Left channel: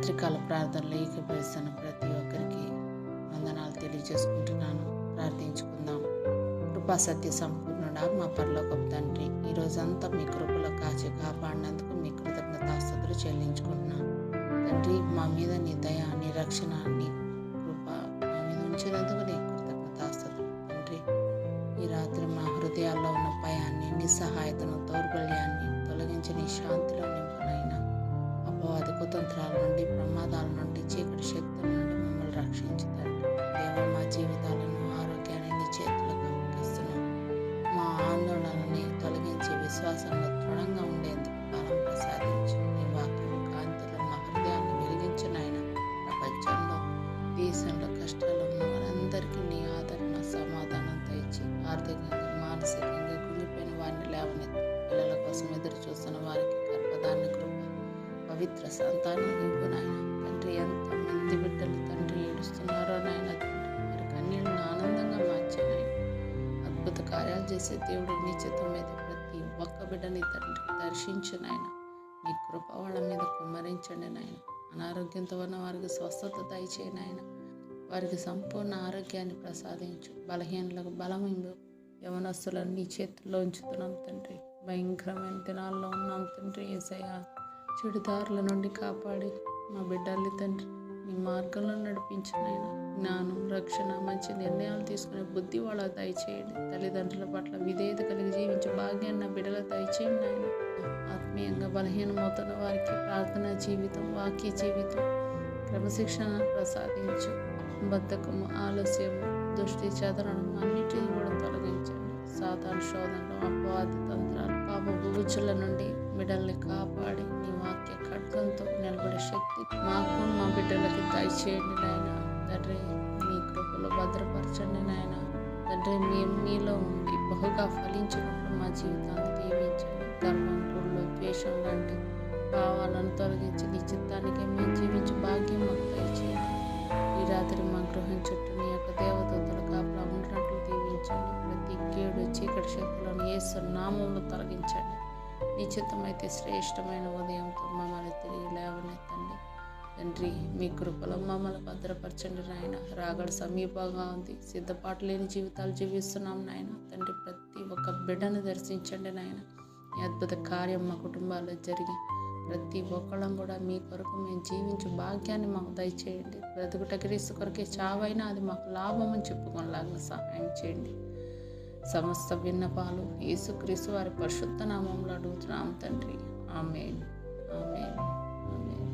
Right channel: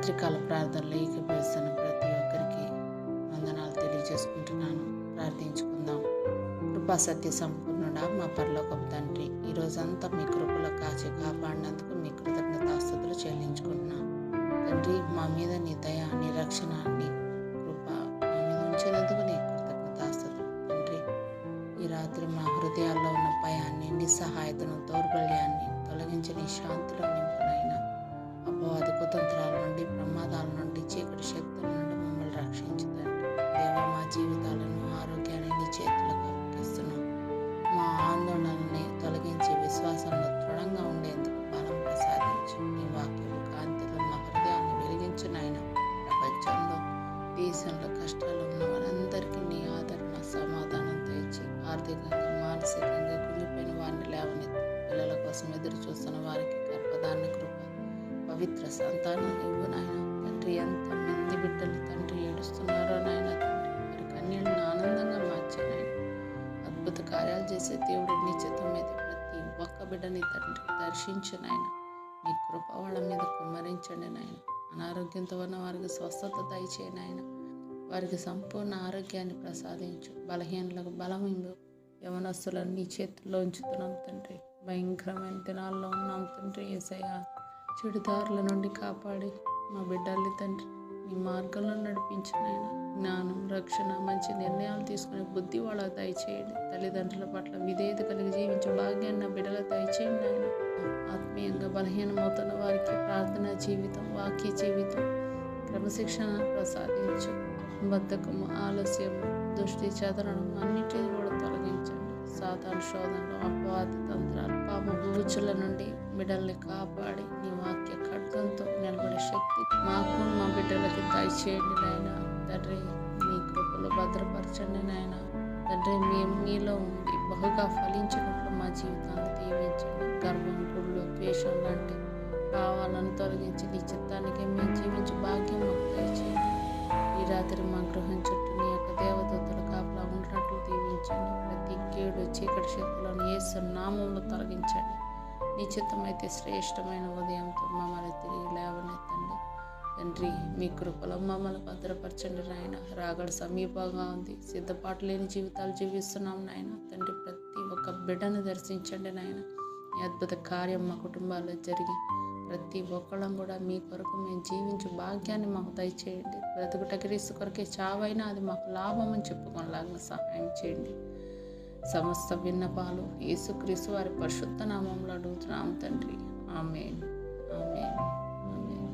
రాత్రికాల ప్రార్థనలు ఏకీభవిస్తున్న ప్రతి ఒక్కరికి వందనాలు తెలియజేసుకుంటున్నాను. ప్రార్థించుకుందాం. కృపా సత్య సంపూర్ణుడా మా పరలోకపు తండ్రి, ఈ రోజంతా మీ కృపలో కాచి కాపాడినందుకు మీ కృతజ్ఞతాస్తుతులు చెల్లించుకుంటున్నాను. తండ్రి, మా మీద నీ దయ, నీ రక్షణ, నీ కృప మా మీద ఉంచినందుకు నీ కృతజ్ఞతాస్తుతులు. తండ్రి, ఈ రాత్రి మా హృదయాల్లో ఉన్న భయాన్ని, నిస్సహాయతను, దౌర్బల్యాన్ని తొలగించి నీ శాంతిలో నింపునైనా అపవాది కుతంత్రాల నుండి, ప్రమాదాల నుండి, చీకటి శక్తుల నుండి మమ్మల్ని రక్షించుతండి. దేవా, మా జీవితాలను, ఆరోగ్యాన్ని నీ చేతులకు అప్పగిస్తున్నాం. మా ఆందోళనని తొలగించి విశ్వాసంలో దృఢంగా ఉండేందుకు బలం ప్రసాదించు. ఈ వాక్యం కాంతిలో మా హృదయాన్ని వెలిగించునైన ప్రపంచంలో, దేశంలో కష్టాలు ఉన్న వారందరికీ నీ ఆదరణ, సమాధానం తెచ్చి ఆర్థికంగా, మానసికంగా కుంగిపోయిన వారిని లేవనెత్తి పిల్లల కోసం ఎదురు చూస్తున్న వారికి గర్భధారణ కృప, పవిత్ర సంతానం ఇవ్వు నాయన. తండ్రి, ఎంతమంది బిడ్డలు తండ్రి ఏడుస్తున్నారో నాయన, తండ్రి వారి కన్నీళ్ళను ఆనందంగా మార్చే నాయన. అద్భుత కార్యాలు చేసే దేవుడు నీ చిత్తమైతే ప్రతి ఒక్క బిడ్డని తండ్రి దర్శించు నాయన. నీ కృప వాళ్ళ మీద కుమ్మరించండి నాయన. అనారోగ్యంతో ఉన్న వారికి స్వస్థత దయచేయి నాయన. వారికి సంపూర్ణ ఆరోగ్యాన్ని ప్రసాదించు. బలహీనలకు బలం ఇవ్వు. యవనస్తులను నీ చేతుల్లో ఉంచుతున్నాం తండ్రి. భయంకరమైన దినాల్లో ఉన్నాం తండ్రి. యేసయ్యా, చెడుదారుల నుండి కాపాడి మా బిడ్డల్ని తండ్రి నీ మార్గంలో నడిపించినైనా జ్ఞానం, రక్షణ, మంచి నిర్ణయాలు తీసుకునే బుద్ధి వాళ్ళ దయచేయండి. తల్లిదండ్రుల పట్ల విధేయత కలిగి జీవించే భాగ్యాన్ని నా బిడ్డల దయచేయండి ఆయన. ఆత్మీయంగా బలహీనమవుతున్న వారికి ప్రార్థనా జీవితం, వాక్య జీవితం, క్రమశిక్షణ ప్రసాదించు. బద్ధకము, ఆలస్యము, దృష్టి చెదరడం అన్నిటినీ కూడా తొలగించండి. సాతాను శోధనలు, అపవాది తంత్రాలు, పాప బూచుల నుండి బిడ్డల్ని కాపాడి నీ వాక్య ఖడ్గంతో నిలబడే శక్తి మాకు, మా బిడ్డలకి దయచేయండి నాయన. తండ్రి, మీ కృపలో భద్రపరచండి నాయన. తండ్రి, మేము మీలో ఉండి బహుగా ఫలించినట్లు మా జీవితాన్ని దీవించండి. గర్వం, కుళ్ళు, ద్వేషం లాంటి భావాలను తొలగించి నీ చిత్తానికి మేము జీవించే భాగ్యం మాకు దయచేయండి. ఈ రాత్రి మా గృహం చుట్టూ నీ యొక్క దేవదూతల కాపలా ఉండినట్లు దీవించండి. ప్రతి కీడు, చీకటి శక్తులను యేసు నామంలో తొలగించండి. నీ చిత్తమైతే శ్రేష్టమైన ఉదయంతో మమ్మల్ని తిరిగి లేవనెత్తండి. తండ్రి, మీ కృపలో మమ్మల్ని భద్రపరచండి నాయన. రాగడ సమీపంగా ఉంది. సిద్ధపాటు లేని జీవితాలు జీవిస్తున్నాం నాయన. తండ్రి, ప్రతి ఒక్క బిడ్డను దర్శించండి నాయన. ఈ అద్భుత కార్యం మా కుటుంబాల్లో జరిగి ప్రతి ఒక్కళ్ళం కూడా మీ కొరకు మేము జీవించే భాగ్యాన్ని మాకు దయచేయండి. బ్రతుకుట క్రీస్తు కొరకే, చావైనా అది మాకు లాభం అని చెప్పుకోలాగా సహాయం చేయండి. సమస్త విన్నపాలు యేసుక్రీస్తు వారి పరిశుద్ధ నామంలో అడుగుతున్నాం తండ్రి. ఆమేన్, ఆమేన్, ఆమేన్.